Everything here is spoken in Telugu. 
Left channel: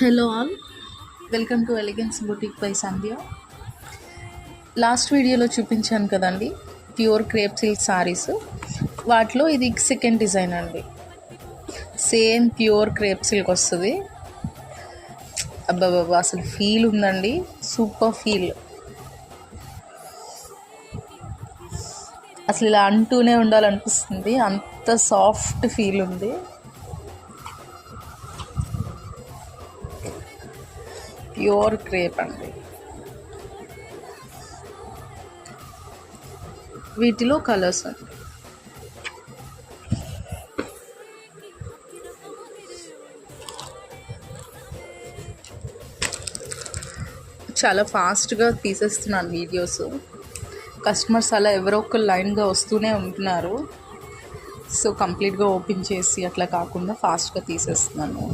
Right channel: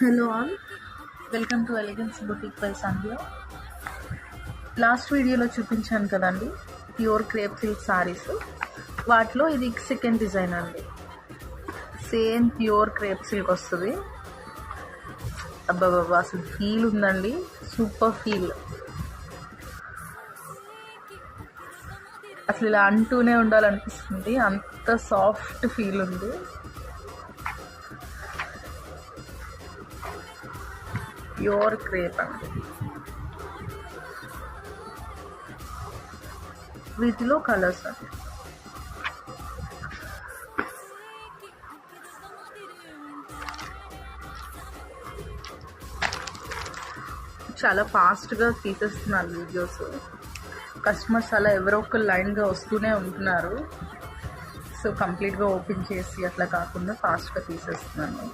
Hello all, welcome to elegance boutique by Sandhya. Last వీడియోలో చూపించాను కదండి ప్యూర్ క్రేప్ సిల్క్ సారీస్. వాటిలో ఇది సెకండ్ డిజైన్ అండి. సేమ్ ప్యూర్ క్రేప్ సిల్క్ వస్తుంది. అబ్బాబాబా అసలు ఫీల్ ఉందండి, సూపర్ ఫీల్. అసలు ఇలా అంటూనే ఉండాలనిపిస్తుంది, అంత సాఫ్ట్ ఫీల్ ఉంది. ప్యూర్ క్రేప్ అండి. వీటిలో కలర్స్ అండి. చాలా ఫాస్ట్గా తీసేస్తున్నాను వీడియోస్. కస్టమర్స్ అలా ఎవరో ఒక లైన్గా వస్తూనే ఉంటున్నారు. సో కంప్లీట్గా ఓపెన్ చేసి అట్లా కాకుండా ఫాస్ట్గా తీసేస్తున్నాను.